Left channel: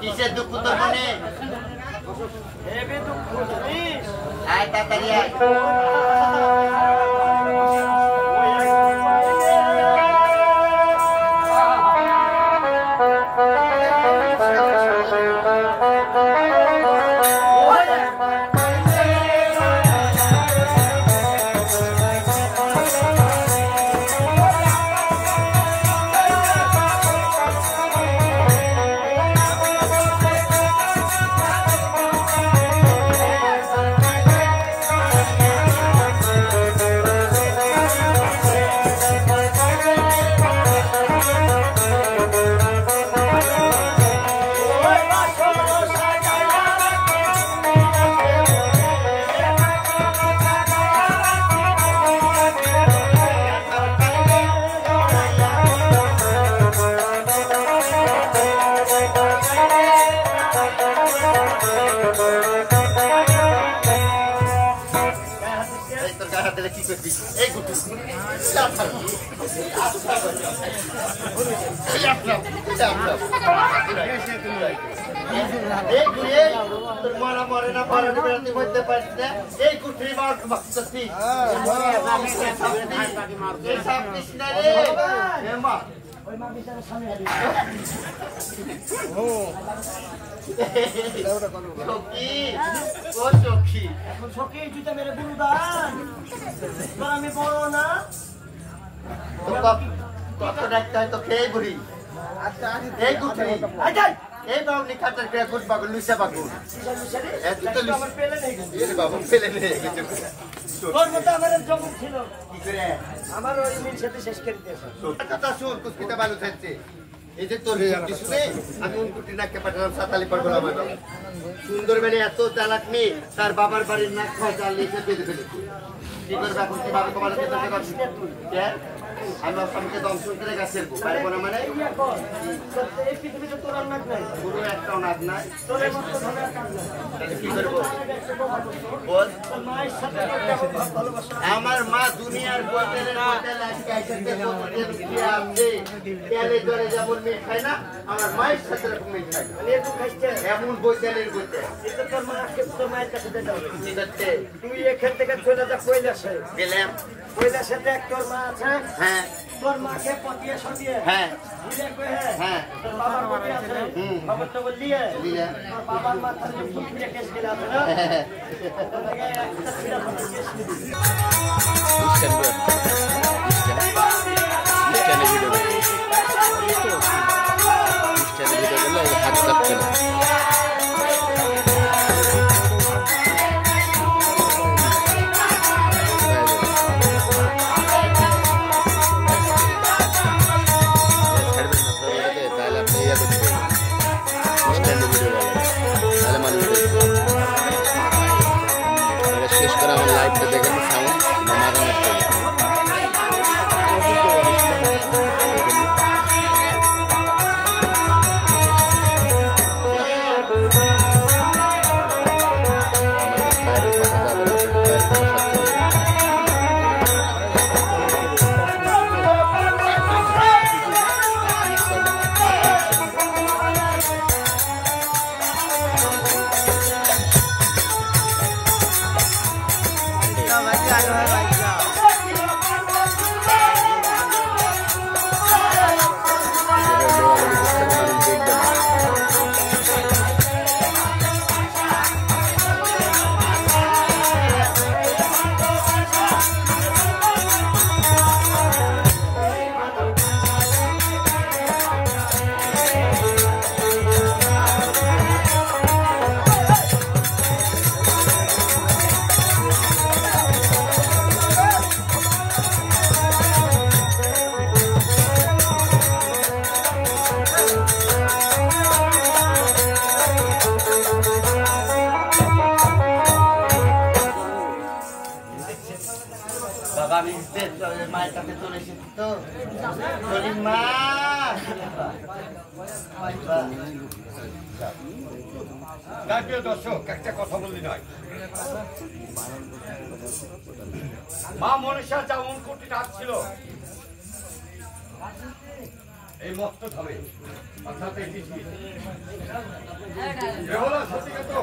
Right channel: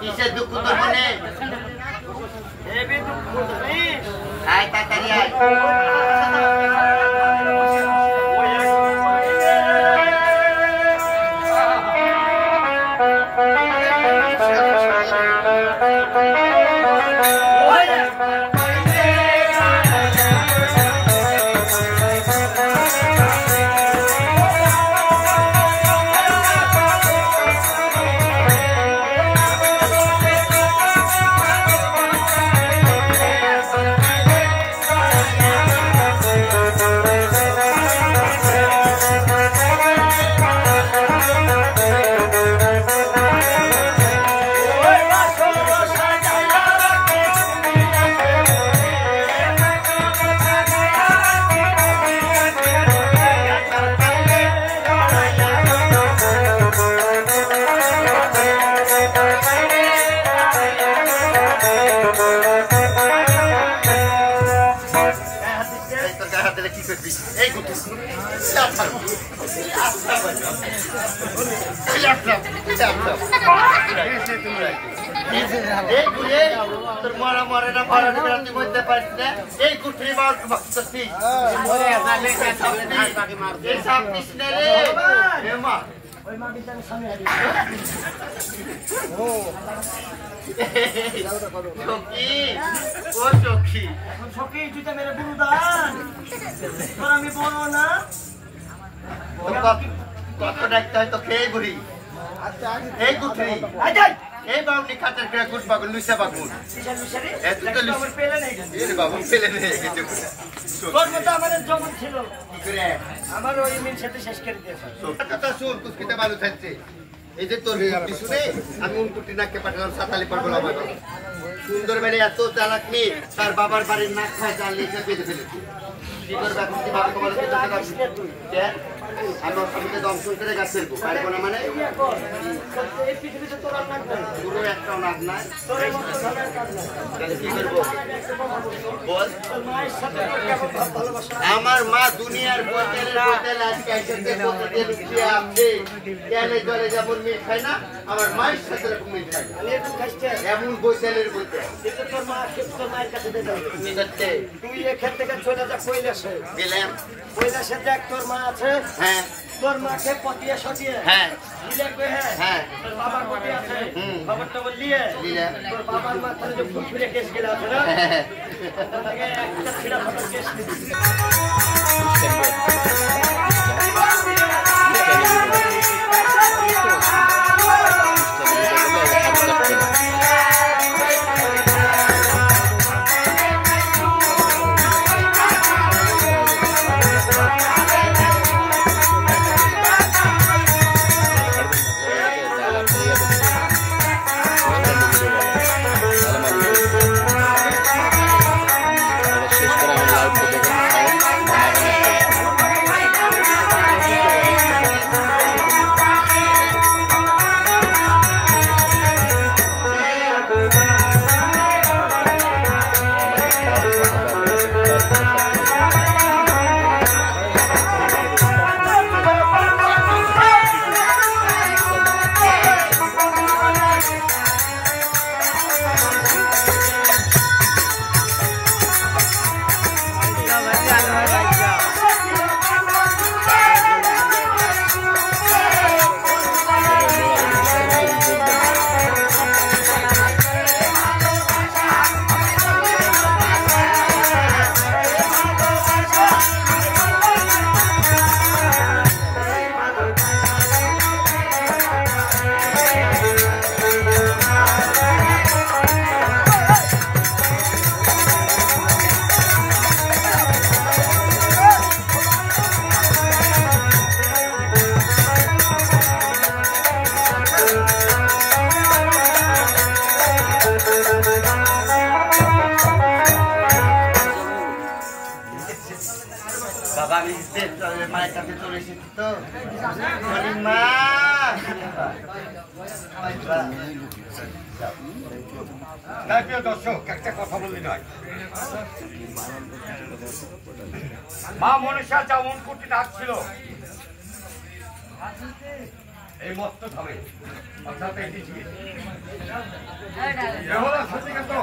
কিসের দুঃখ তো মনে আয় তাড়াতাড়ি আয় তোর মরা মরে না ভরা বেড়াতে বলতে পারছি না এই কুঠরি মার মারতেছি এই সব কৃষ্ণ রে মা ওই মা বিচারে সামনে সখী ও সখী এখন সখী জুতা মেরে বুড়ো দান তোর আমি বড় না কত ডাকতে হয় তো খেয়ে বুড়ি এই কুঠরি এই বাবুনি খাটার করে গুড বাগুন লুইসা বাগুন এত তো লুইসা পেলে নেই এর বাবু পেলে নেই কিছু তোর মত আমাদের জগৎ ছিল কি করে আমার ওই মিল সাথে শেষ করে দিয়েছে কথা শুন তুই পিতা বালু থাকছে এই যে তোর কি শুনে আমি উনকুটি নাককে পাঠালাম সাতালি পর বলা আমার সুন্দর মেয়ে এত চালাক মেয়ে তার বাবার বাড়ির নাক খায় জাল লিখে বেঁধে ফেলেছে কি করবে এখন কি বাবা তোমার কে আমরা সমিতি দংশন করে গাছের পারবো না মানে এই পৃথিবীতে তোর নাক নাই পুরো একটা নাক নাই তোর কি করবো বল আমার মা দুনিয়ার বোতলের বোতল আজকে এসেছে বোতলে লুকিয়ে আছে তেলে জলে যেমন মেয়ে খায় না আমার মায়ের সাথে এরকম মেয়ে খায় এমন বোতলের বোতল তোর মায়ের কাছে ঠিক আছে তুই এখান থেকে চলে যা কৈলাসে গেলাম কৈলাসে দেখ তোর মা আছে হ্যাঁ তোর মাকে পটিয়ে সটিয়ে হ্যাঁ হ্যাঁ তোর বাবার পটিয়ে আছে বাবা তো বললিয়ে তোর বাবার মাথায় যে ফুল ফিরে কেস গেল আছে না একটা ফিরা ফটো কেস মায়ের কাছে চলে এসেছি তো বলি মা দর্শক একটা কথা বলি নয় মা মনীষা যেমন কুটি ডাকছিল এই মস্ত ধামে অর্থাৎ এই দিকে কেমন আছে ঠিক আছে